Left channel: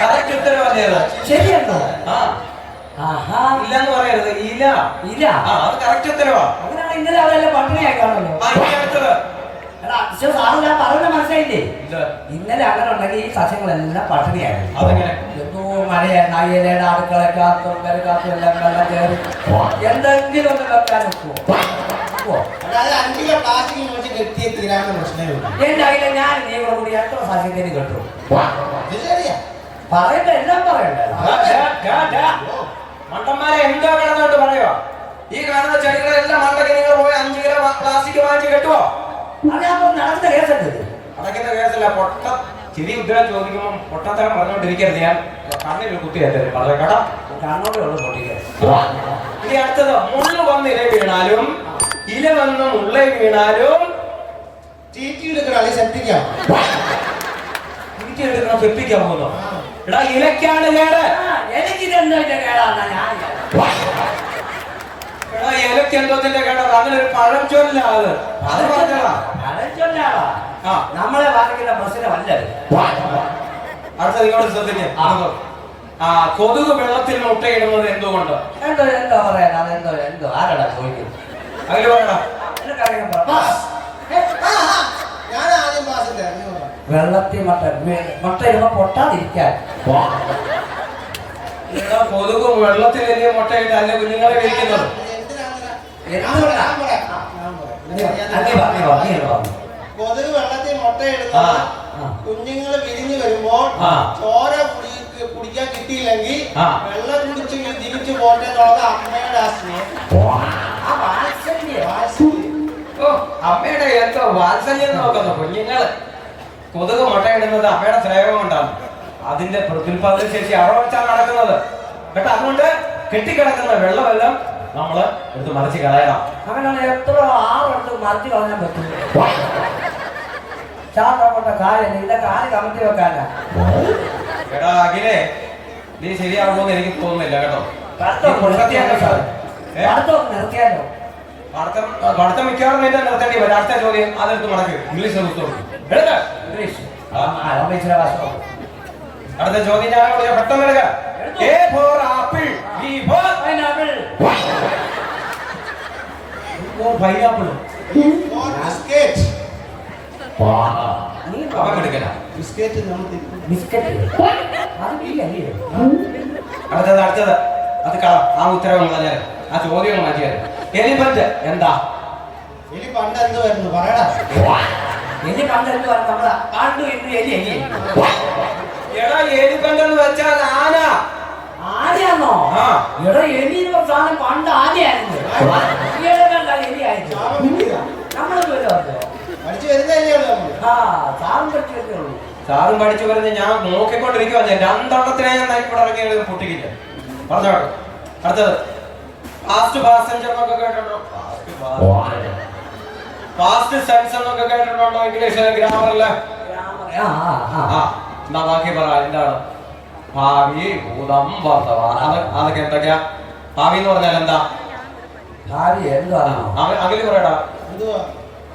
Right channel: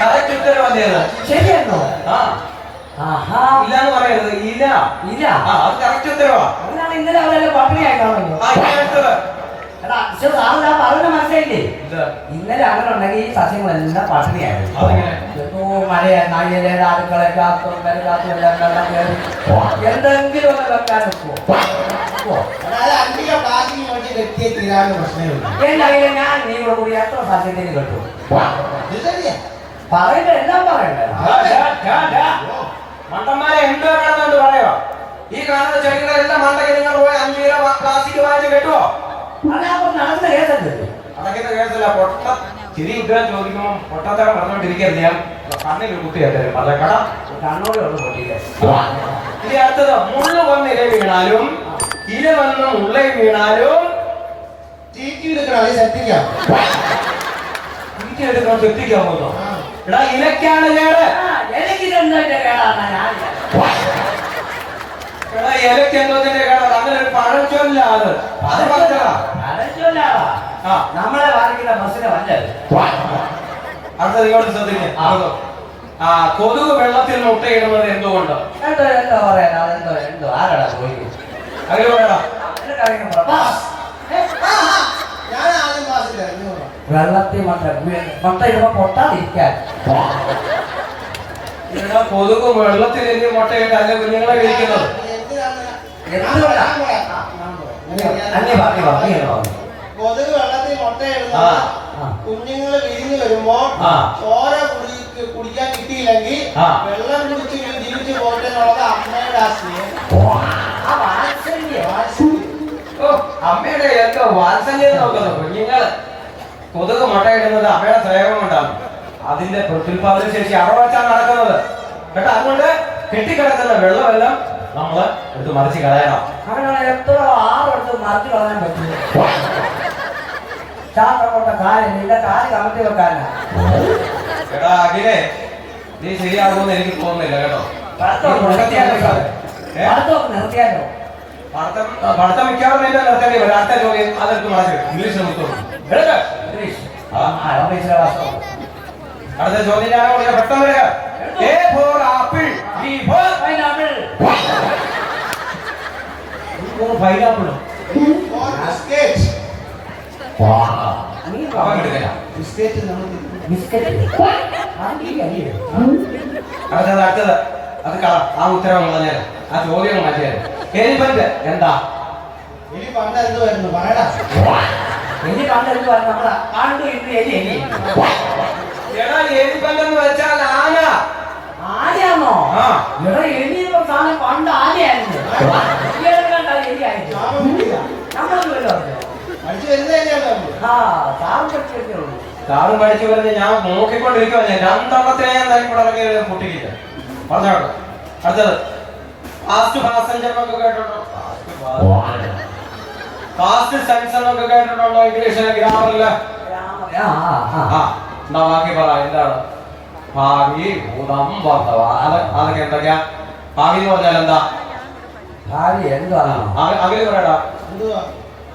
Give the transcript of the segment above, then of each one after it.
Correct ഉത്തരവല്ലേ അത് ശരിയാണോ ആ. ഇല്ല എന്ന് പറയരുത്. ഇല ഇല്ല. ആ അത് കറക്റ്റ് ഉത്തരവാ. അങ്ങനെയാണ് ഇന്നലെ അവരെല്ലാം പട്ടിണിയായി മനസ്സിലായില്ലേ. ഇന്നലെ അങ്ങനെ ഉണ്ടെങ്കിൽ ഈ സസ്യങ്ങളെല്ലാം പട്ടിണിയായിരുന്നു. മഴയായിരുന്നു അയ്യലേടെ അടുക്കളക്കകത്തും കരക്കകത്തും എല്ലാം വെള്ളം കയറി. എന്തെങ്കിലും ഒന്ന് വെക്കാൻ നിൽക്കുമോ അതായത് അഞ്ചിലോ പ്ലാസ്റ്റിക് തീരാണ് പ്രശ്നമില്ല എന്റെ ഞാൻ നീ കൂടി എത്ര സസ്യത്തിന് കിട്ടും. ഇത് ശരിയാ. പറയണ്ട എല്ലാം പറയണ്ട. മണ്ടന്മാരെ എന്തോ പറയുവാ ഈ കാണുന്ന ചെടികളെല്ലാം മണ്ടയ്ക്ക് നിങ്ങൾ പോയി അഞ്ച് കിലോ പ്ലാസ്റ്റിക് വാങ്ങി കെട്ടുവോ? നടന്ന കേസല്ലേ അതൊക്കെ കേസല്ല പൊട്ട ചെറിയ ഉത്തരം ചോദിക്കുമ്പോൾ പൊട്ടത്തരം പറഞ്ഞോണ്ടിരിക്കരുത് ഞാൻ. കണ്ണിൽ കുത്തി കയറ്റരുത് പറഞ്ഞ കേട്ടോ കണ്ണോടുള്ള പൊട്ടിക്കുക ഇനി അടുത്തത് മുള്ള വന്ന് ഇല വീണാലും ഇല വന്ന് മുള്ള വീണാലും എടാ ഇലക്കാണ് കേട്. എടാ ഇലക്ക് അങ്ങനെ ഒരു അത് അത് പറഞ്ഞതാ നമ്മളെ ബസ്സിനെ ശ്രദ്ധിക്കാം ആ. കൊതുക് വെള്ളത്തിൽ മുട്ടയിടുന്നത് എന്തുകൊണ്ട്? എന്തോ എന്തോ പറയാൻ അതെന്തോ എന്തോ. ആരാടാ ചോദിക്കുന്നത് അങ്ങനെ പറയടാ എനിക്കറിയാൻ പറ. വാ. ഏ, ഞാൻ ആദ്യം ക്ലാസ്സില്ല എന്ന് പറയാം വെള്ളത്തിൽ മട്ട മട്ട ഇടുമ്പോ പൊട്ടാതിരിക്കാൻ. കൊതുക് വെള്ളത്തിൽ എലിയ മുട്ടയിട്ട് അല്ലെ കുഞ്ഞുങ്ങളെ കഴിക്കുന്നത്? കൊതുക് വെള്ളത്തിൽ. കുഞ്ഞുങ്ങൾ വിരിഞ്ഞു വരുമ്പോൾ ചോര കുടിക്കാൻ കിട്ടിയില്ലെങ്കിൽ. വെള്ളം കുടിച്ച് എന്നുള്ളത് അമ്മയുടെ അമ്മയുടെ വാത്സല്യം നോക്കുന്നു കുഞ്ഞുങ്ങൾ. കൊതുക് മുട്ടയിടുന്നത് അമ്മയുടെ സ്നേഹം കൊണ്ടാണ് അതിന്റെ പ്രത്യുൽപാദന ശേഷി അറവച്ചാണ് നടക്കുന്നത്. കേട്ടോ അതുകൊണ്ട് കെട്ടിക്കിടക്കുന്ന വെള്ളമെല്ലാം നമ്മൾ എടുത്ത് മറിച്ച് കളയണം. അവനാണ് എത്ര ആറെടുത്ത് മറിച്ച് കളയാൻ പറ്റില്ല ശാസ്ത്രപ്പെട്ട കാര്യം നിന്റെ കാൽ കമത്തി വെക്കാനാ? എടാ അഖിലേ നീ ശരിയാകുമെന്ന് എനിക്ക് തോന്നുന്നില്ല കേട്ടോ. നിർത്തിയാലോ? പഠിത്തം മിക്കവാറും നിന്നെ നിർത്തേണ്ടി വരും. അടുത്ത ചോദ്യം അതെടുത്ത് മടക്കി ഇംഗ്ലീഷ് നിർത്തുള്ളൂ അടുത്ത ചോദ്യം ഞാൻ പെട്ടെന്ന് എടുക്ക. A for apple B for pineapple പൈനാപ്പിളോ For biscuit. നീ അവൻ എടുക്കല. Biscuit നമ്മൾ തിരിക്കും. ബിസ്ക്കറ്റ് അത് നീ അല്ലേ അടുത്തത് അടുത്തത്. അത് കള. ആ ഉത്തരവ് കളഞ്ഞാൽ ആ ചോദ്യം മാറ്റിയാൽ എലിഫന്റ് എന്താ? എലി പണ്ട് എന്ത് വരുന്നു പറയടാ. എലി എന്ത് വരുന്നു നമ്മളാ പണ്ട് ഇന്ന് എലി എലി. എടാ എലിഫന്റ് എന്ന് വെച്ചാൽ ആന. ആനയാണോ എടാ എലി എന്ന് സാധനം പണ്ട് ആനയായിരുന്നു. സാറും പഠിച്ചു വരുന്നത് ഞാൻ നോക്കിക്കൊണ്ടിരിക്കുവാ. ഞാൻ രണ്ടെണ്ണത്തിനെ ഞാൻ ഇറങ്ങി പൊട്ടിക്കില്ല പറഞ്ഞോ. അടുത്തത്. ഫാസ്റ്റ് പാസഞ്ചർ എന്നൊക്കെ കേട്ടിട്ടുണ്ടോ? ഫാസ്റ്റ് സെൻസ് എന്നൊക്കെ കേട്ടിട്ടുണ്ടോ ഇംഗ്ലീഷിലെ ആ ആ എന്നാ ബാക്കി പറ എന്താണ്? ഭാവി ഭൂതം വർത്തമാനം അത് അതൊക്കെ എന്തൊക്കെയാ? ഭാവി എന്ന് പറഞ്ഞാൽ എന്താ? ഭാവി എന്തുവാണോ അക- അകൽ പറയടാ. എന്തുവാ?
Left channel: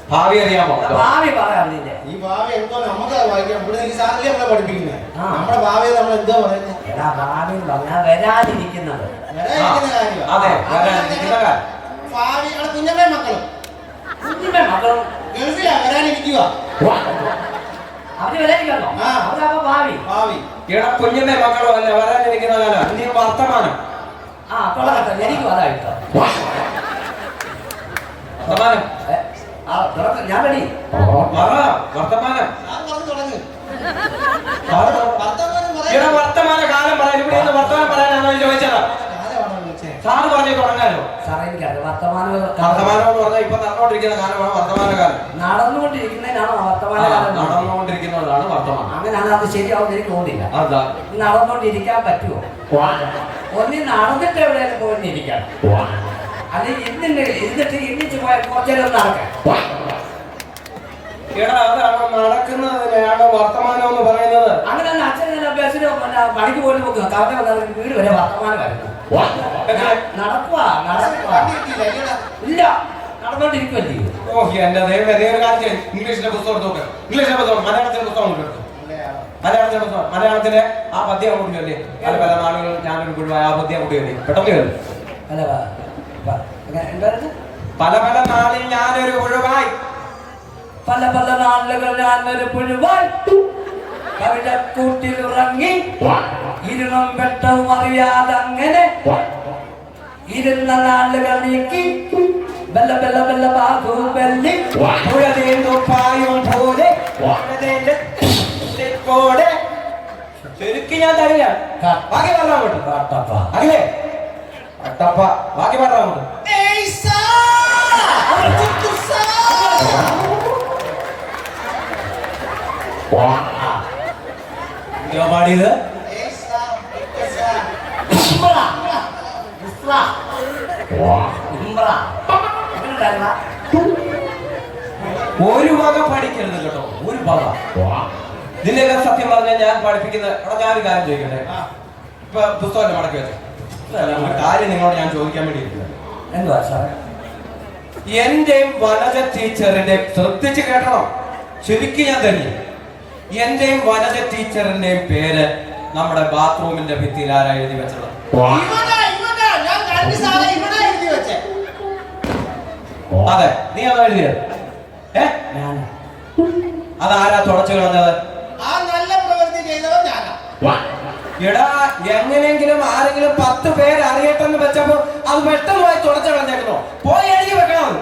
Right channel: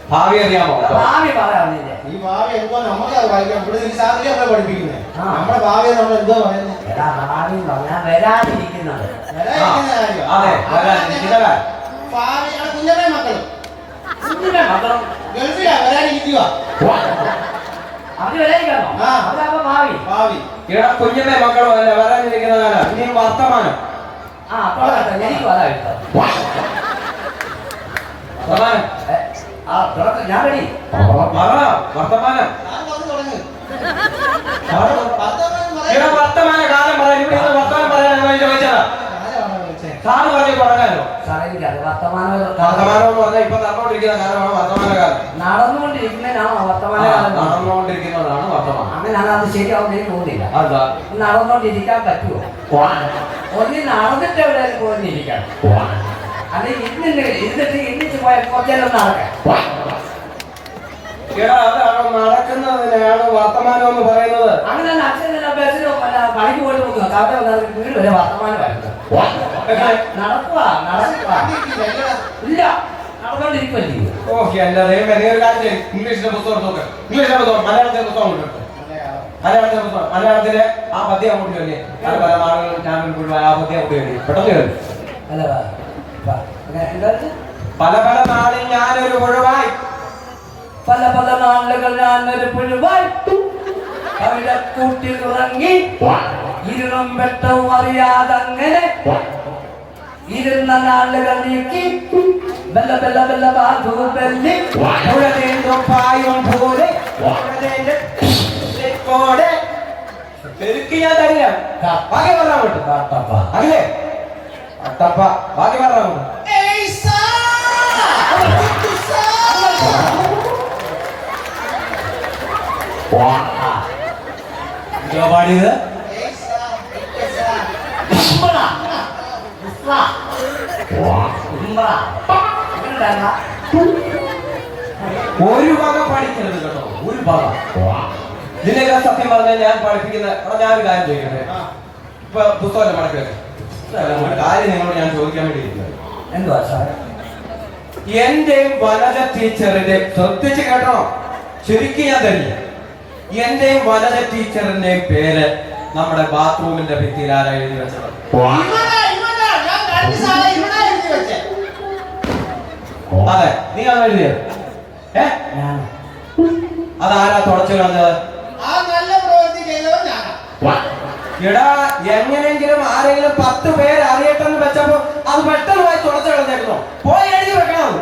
ഭാവി അറിയാമോ? ഭാവി പറയാം ഈ ഭാവി എന്തോ നമുക്ക് വായിക്കാം ഇവിടെ ഈ സാറിനെ നമ്മളെ പഠിപ്പിക്കുന്നത്. നമ്മുടെ ഭാവി നമ്മൾ എന്തോ പറയുന്നത് ഭാവി പറഞ്ഞാൽ വരാതിരിക്കുന്നത്. അതെ വരാനിരിക്കുന്ന കാര്യം. ഭാവി അവിടെ കുഞ്ഞമ്മ മക്കളും. കുഞ്ഞിന്റെ മക്കളും. ഗൾഫിലാ വരാനിരിക്കുക അവർ വരാതിരിക്കണോ ആ. അവരപ്പോ ഭാവി. ഭാവി. ഇവിടെ കുഞ്ഞമ്മ മക്കളോ അല്ല? വരാനിരിക്കുന്ന കാലം ഇനി വർത്തമാനം. ആ അപ്പോൾ എനിക്ക് വർത്തമാനം. തുറക്ക് ഞാൻ റെഡി വർത്തമാനം. വർത്തമാനം കാലം പറയാൻ ഇവിടെ വർത്തമാനം പറയാനാണോ ചോദിച്ചത്? സാറ് പറഞ്ഞു തുടങ്ങാലോ സാറേ എനിക്കത് വർത്തമാനം വർത്തമാനം എന്ന് പറഞ്ഞാൽ ഇപ്പൊ നടന്നുകൊണ്ടിരിക്കുന്ന കാലമാണ് വർത്തമാന കാലം. നടന്നുകൊണ്ടിരിക്കുന്നതിനാണ് വർത്തമാന കാലം നടന്നുകൊണ്ടിരിക്കുന്നതാണ് വർത്തമാനം. അങ്ങനെയാണ് അത് ശരിയാവുന്ന എനിക്ക് തോന്നില്ല അതാ നടന്നുകൊണ്ടിരിക്കാൻ പറ്റുമോ ഒന്നി നടന്നിട്ട് എവിടെയാലും പോയിരിക്കണം അല്ലെങ്കിൽ ഇരുന്നിട്ട് ഇരുന്നിട്ട് ഇന്നിച്ച് പോയാൽ കുറച്ചേരം നടക്കാൻ? എടാ അതാണ് നടക്കുന്നതിനെയാണ് വർത്തമാനം എന്ന് പറയുന്നത്. തന്നെ ബസ്സിന് മറ്റേ പണിക്ക് പോയിട്ട് നോക്കുക കാക്ക വന്നാൽ വീട് വരെ വർത്തമാനം നടക്കുക നടക്കുക. ഇല്ല നടന്നുകൊണ്ടിരിക്കുമല്ലേ ഓ എന്റെ ദൈവം എന്നെ ഒരു കാര്യം. ഇംഗ്ലീഷിന്റെ പുസ്തകം നോക്ക്. ഇംഗ്ലീഷിന്റെ പുസ്തകം മലയാളത്തിന്റെ പുസ്തകം എടുത്ത് മലയാളത്തിലെ പുസ്തകം മലയാളത്തിലെ ആ പദ്യം അങ്ങോട്ട് ചൊല്ലി പല പല നാടുകളിൽ ചാമ്പ്യൻ ആ പദ്യം അങ്ങോട്ട് പെട്ടെന്ന് അല്ല പല പല നാളിൽ ഞാനൊരു ഒഴിവായി പല പല നാളുകൾ ഞാൻ ഒരു പുഴുവായി. അവിടെ കൂട്ടിൽ ഉറങ്ങി. ഇരുളും വെട്ടവും അറിയാതെ അങ്ങനെ ഇരുന്ന നാളുകൾ നീക്കി. ബെല്ല ബെല്ല ബെല്ല ബാധു ബെല്ലി. ഉഴതേന്തു പായും പോലെ. ശരിക്കും ഞാൻ തരില്ല അങ്ങനെ പറഞ്ഞാൽ മതി കാട്ടപ്പ ബാക്കി! എന്തുവാ പാടിയത്? ഒരു വക പഠിക്കരുത് കേട്ടോ ഒരു വക ഇതിനെല്ലാം സത്യം പറഞ്ഞാൽ ഞാൻ പഠിപ്പിക്കുന്ന ഞാൻ കാര്യം ചോദിക്കട്ടെ? ഇപ്പൊ പുസ്തകം മടക്കി വെച്ചു. കാര്യം നിങ്ങളോട് ഞാൻ ചോദിക്കാൻ വേണ്ടി എന്തുവാ സാർ എന്റെയും വനജ ടീച്ചറിന്റെ ശ്രദ്ധിച്ച് കേട്ടോ ശരിക്കും ഞാൻ തന്നെ. എന്റെയും വനജ ടീച്ചറിന്റെയും പേര് നമ്മുടെ ബാത്റൂമിന്റെ ഭിത്തിയിൽ ആരാ എഴുതി വെച്ചത്. അതെ നീ അത് എഴുതിയത്? ഏ? അതാരാ തുടച്ചു കളഞ്ഞത്? എടാ എങ്ങനെയെങ്കിലും ആരെങ്കിലും പത്ത് പേര് അറിയട്ടെന്ന് വെച്ചപ്പോ അത് പെട്ടെന്ന് പോയി തുടച്ചു പോയി എഴുതി വെക്കണം.